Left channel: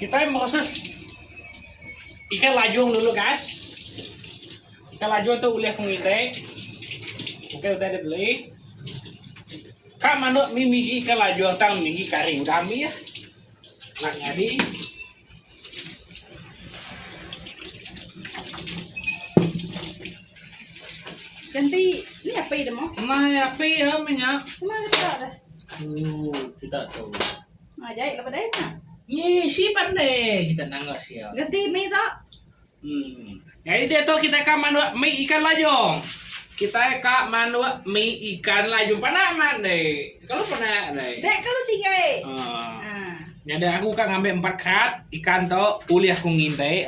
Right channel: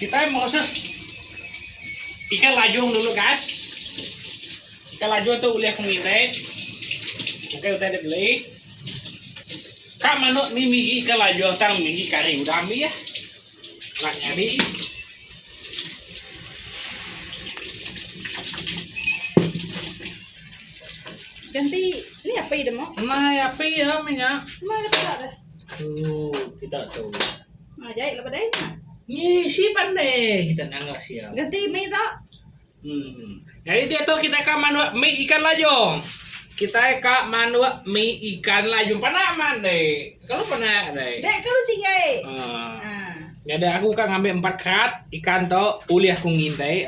Kita proses ikan lajung dulu guys. Ikan lajung itu uliah kengite. Oke udah dibeli. Kak manuk ni migi ikan lajung tang migi kari udah ambil ya. Nak nyari. Ganti ini apa ide mau? Nah apa ya minyak? Mana ada dah? Kita tahu. Ngajai lepas dah nak. Ni si pandai kita nanggak siap. Ganti mie tak? Jadi dia tuh kita ke manuk mie ikan lajung. Kita ke manuk mie ikan lajung pernah mandai. Kalau pernah deh. Dek kalau tinggal. Jadi aku kan ngambil 4 kerat ikan tuh uli aku ngintai.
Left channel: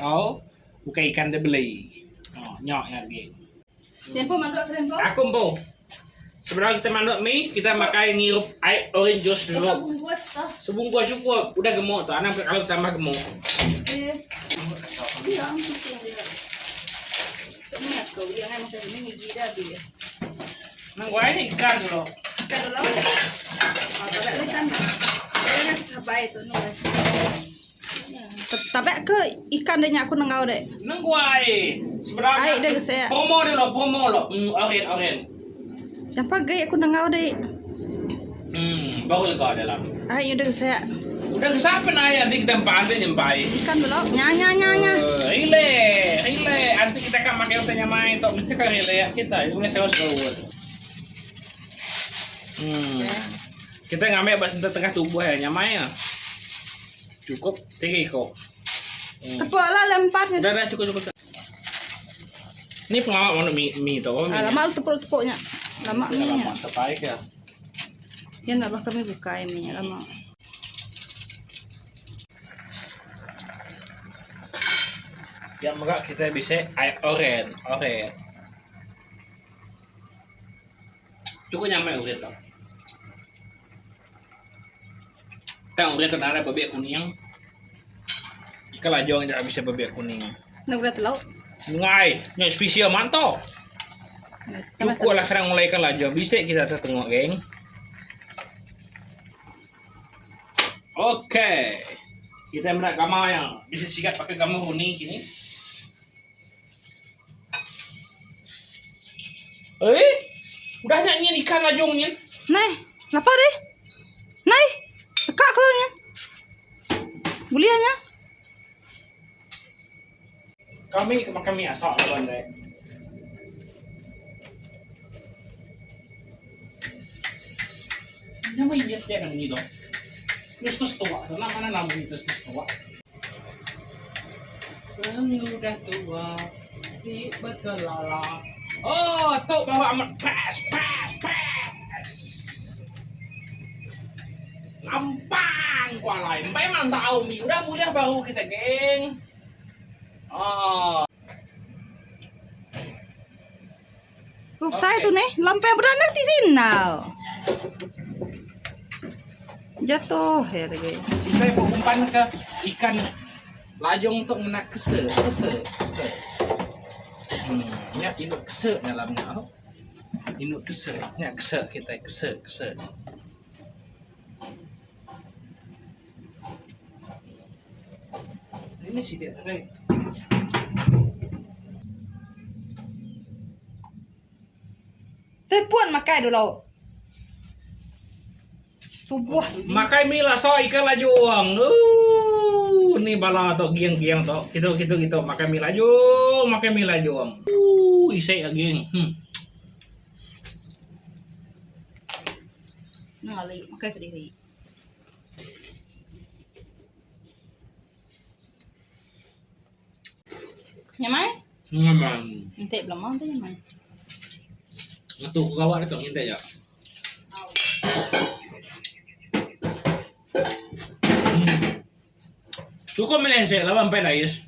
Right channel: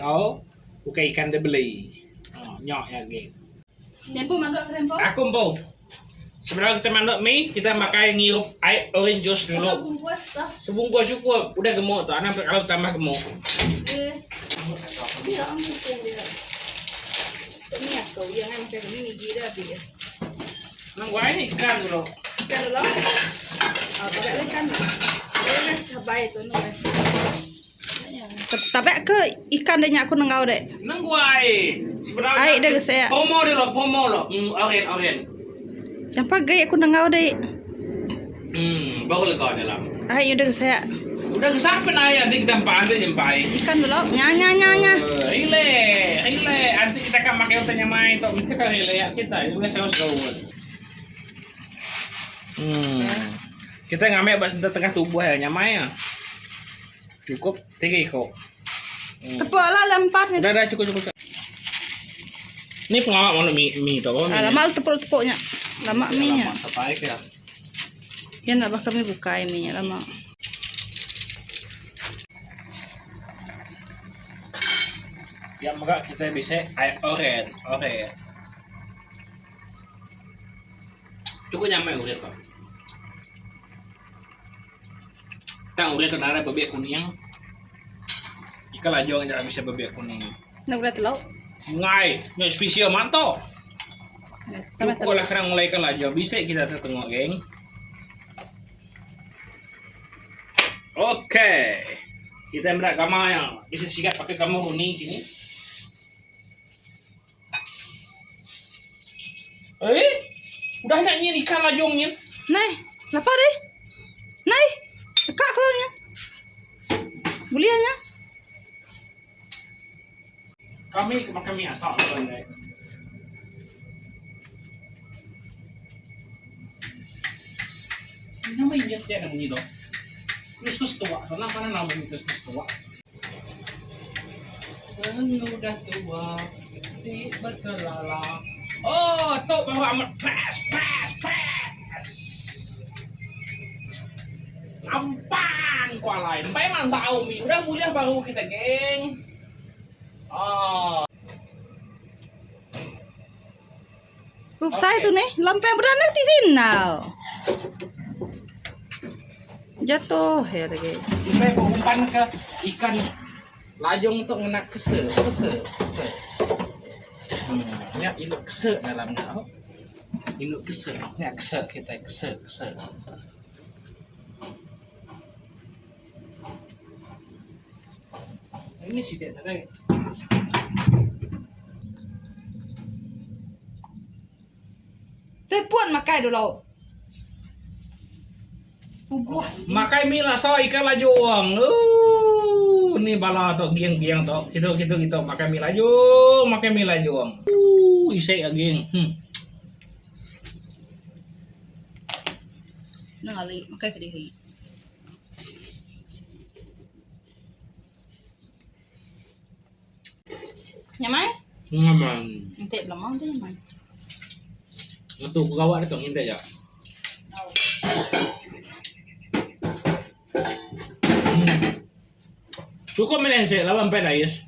Bukan ikan dia beli. Nyok ya gitu. Nyempo manduk kerempo. Aku mau. Sebenarnya kita manuk mie kita pakai ngirup air orange juice dulu. Bungkus tak? Sebungkus cukup. Udah gemuk tuh. Anak kalau tambah gemuk. Dia ambil dia. Ini aku jangan makan ini gigi dah bias. Mang gua ini ikan dulu. Kalau lo, tak ada ikan. Dia cabai tu ni. Tapi ke ikan dia aku nengau dek. Nang gua sebenarnya. Ai dia saya. Promo lo. Oren. Yang pakai aku nengau dek. Baru lega dalam. Ai udah saya. Udah kesampean aja nanti kita pantai nyempai. Ikan dulu, nya. Rile. Nanti kita kan pakai utanya main tuh mesti kan rile ya kita. Ini saus keluar. Kita ngambil bahasa tengah tubuh ya nyamai ya. Cukup 3 kok. Tepuk lah lempatnya. Udah cukup. Ini pengawal mau mie tuh. Lama tepuk-tepuknya. Lama mie. Lama terbaik ya. Ya nak kami buka mie lama. Yang enggak kita bisa air oren. Cukup nyampe uret pak. Tang uret ada bebek kuning. Ikan lajong jangan bisa bebek kuning. Nak udah telur. Ngai spesial mantap. Tambah Cukup telur. lah sekarang mulai ikan lajong. Bisa kita tengok geng. Oke. Kita berak kamar yang bisa sikat pakai kamar kuning sini. Udah nyanyi ikan lajongnya. Nai, lapar deh. Nai, tekak keluarnya. Bulianya. Kami makan mie asal kan deh. Nama ingat dia namanya itu. Kristus tua, karena mana namanya Kristus tua? Udah tua, di berkelala. Oh, tuh bawa amat pas. Gampang kualai. Sampai man saumi. Udah mulia baru kita geng. Saya tuh nih, lampu yang beranak di sini now. Jatuh ya lagi. Kita mau umpan ke ikan lajong untuk menak kese. Ya induk kese dalamnya. Induk kese. Ya kese kita kese. Ini sih dia tadi. Tepuan makai dulu. Tubuh. Makai mie lah so ikan lajong. Ini bala to giang to. Gitu. Makai mie lajong. Isai ageng. Nangali makai kediri. Nyamai? Ngamang. Ente belum mau tuh nyamai. Tuh kawan itu hintay ya. Cukup melense lawan penais.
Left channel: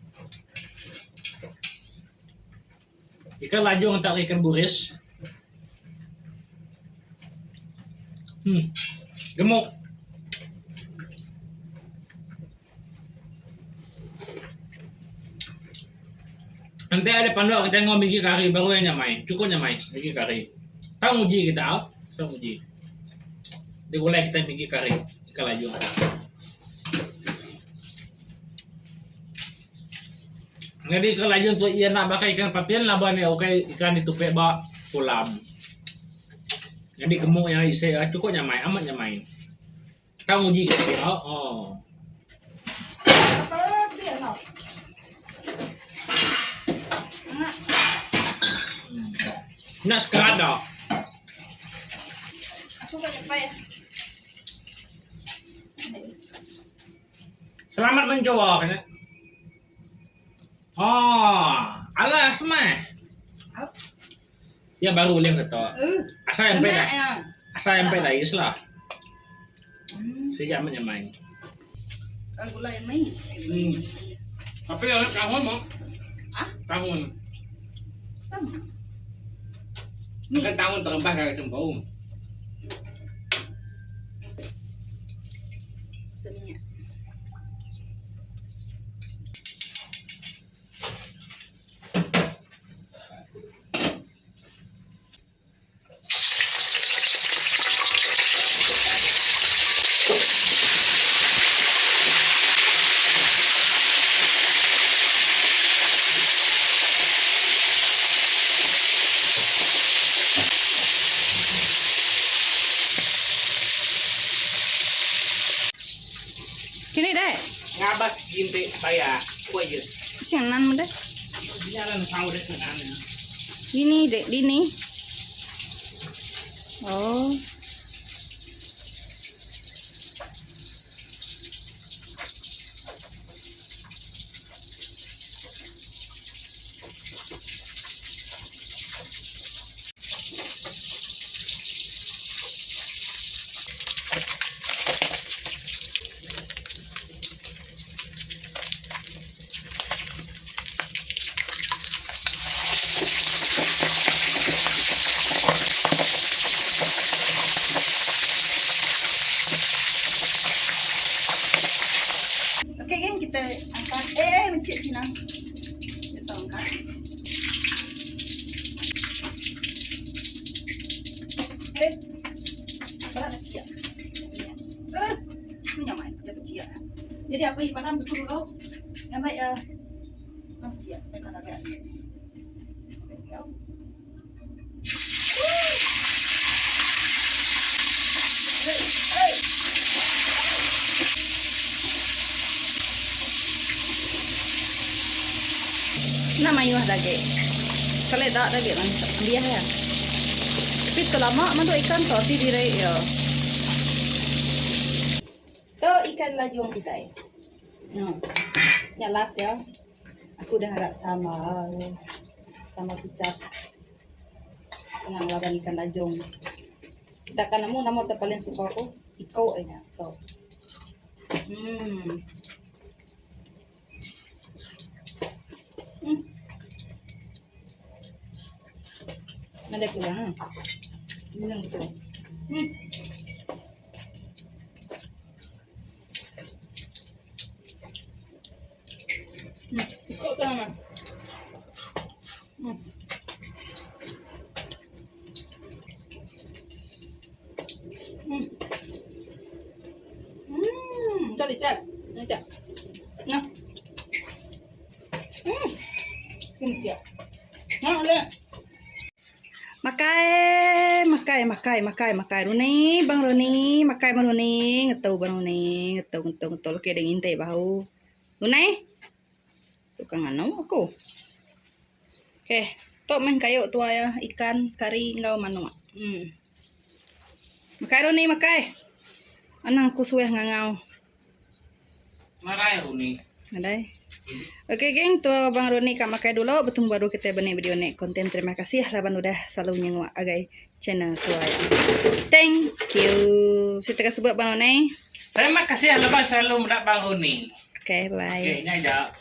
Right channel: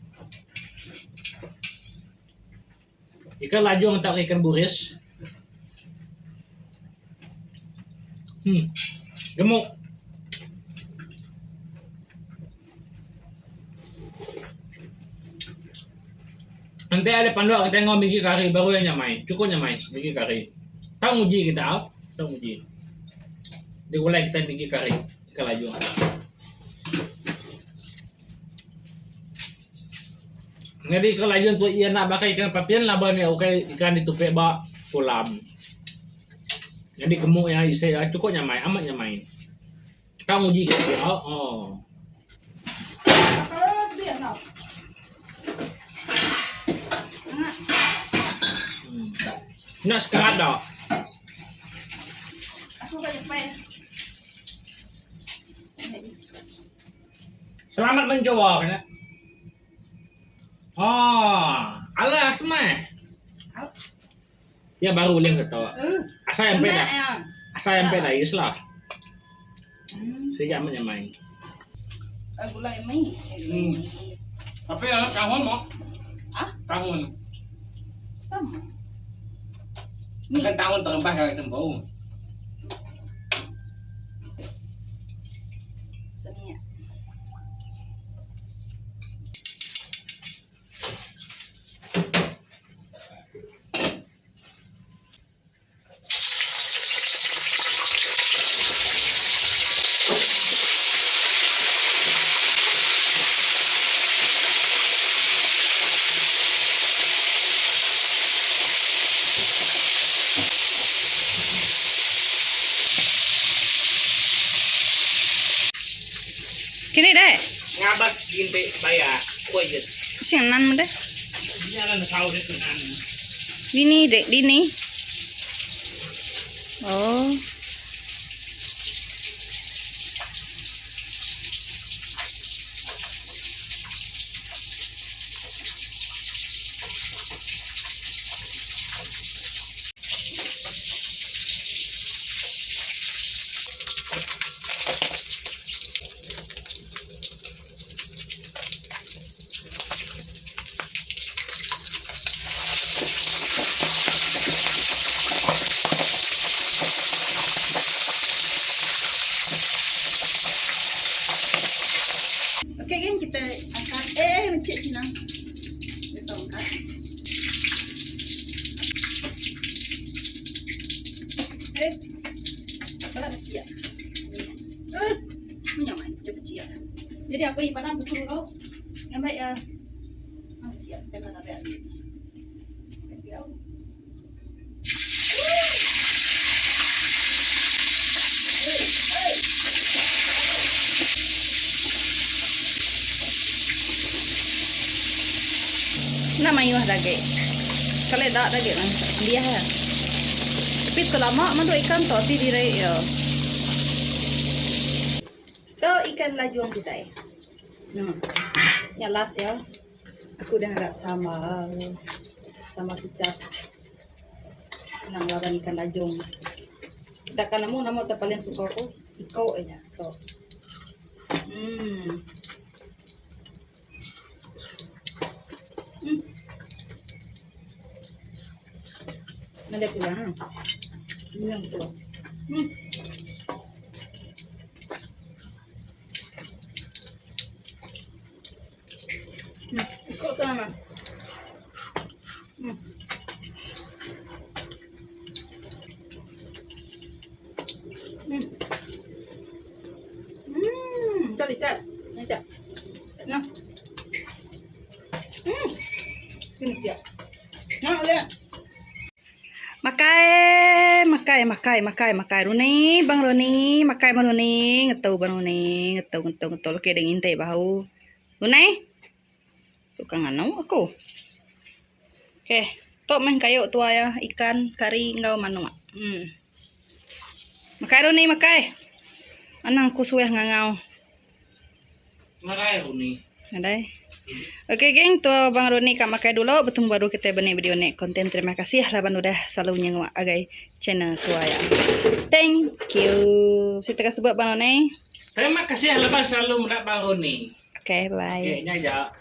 Ikan lajong atau ikan buris. Gemuk. Nanti ada panduan kita ngomong biji kari baru yang nyamai. Cukup nyamai biji kari. Tahu uji kita, tahu uji. Digulai kita biji kari ikan lajong. Jadi kalau laju untuk ia nak pakai ikan patin lah bani oke ikan ditupek bak kolam. Jadi gemuk yang isi cukup nyamai amat nyamai. Kau uji ke oh. Biar nak. Nak sekerat dah. Aku kan nyampai. Selamat mencoba kan. Oh, alas mah. Ya baru boleh kata. Asal yang peda. Asal yang peda is lah. Sejak menyamai. Gulai mai. Tapi ada tahun mau? Ah? Tahun. Sama. Kan tahun terlebah dari tempau. Seninya. Kini deh. Ngabas ginti bayar. Kuat je. Siang nan mo deh. Jalan tahu deh kan. Dini dek dini. Oh. Oke kan kita angkat. Mencik Cina. Kita angkat. Siap. Menyamai kecil. Jadi apa ibadah buku dulu? Yang baik ya. Siap. Kita nak lihat. Nama iwah daging. Kalau tak daging mana dia ya. Tapi kalau lama mandu ikan tu si dirai ya. Tu ikan lajuang kita. Yang last ya. Aku dah agak sama kicap. Nang laban ikan lajong. Kita kan nama tu paling suka aku iko aja. Tu. Ada kurang. Ini yang betul. Ikut ke mana? Tadi cak. Ini cak. Nah. Sini cak. Nah, lihat. Makai Runi, Bang Runi, makai Bang Runi, ngetau Bang Runi, ngetau oke dengan intay bahu. Runi, tukang anu aku. Oke, tok main kayu tua ya ikan kari ngau manu. Makai Runi, makai. Anang ku suweh ngangau. Makai Runi. Adai. Oke geng, tuh Bang Roni kak makai dulu. Bertemu baru kita benih video nek konten. Terima kasih laban udah selalu nyengwa agai channel tua ya. Thank you. Saya tegas sebut Bang Roni. Terima kasih lepas selalu mendak Bang Roni. Oke, bye. Oke, ini aja.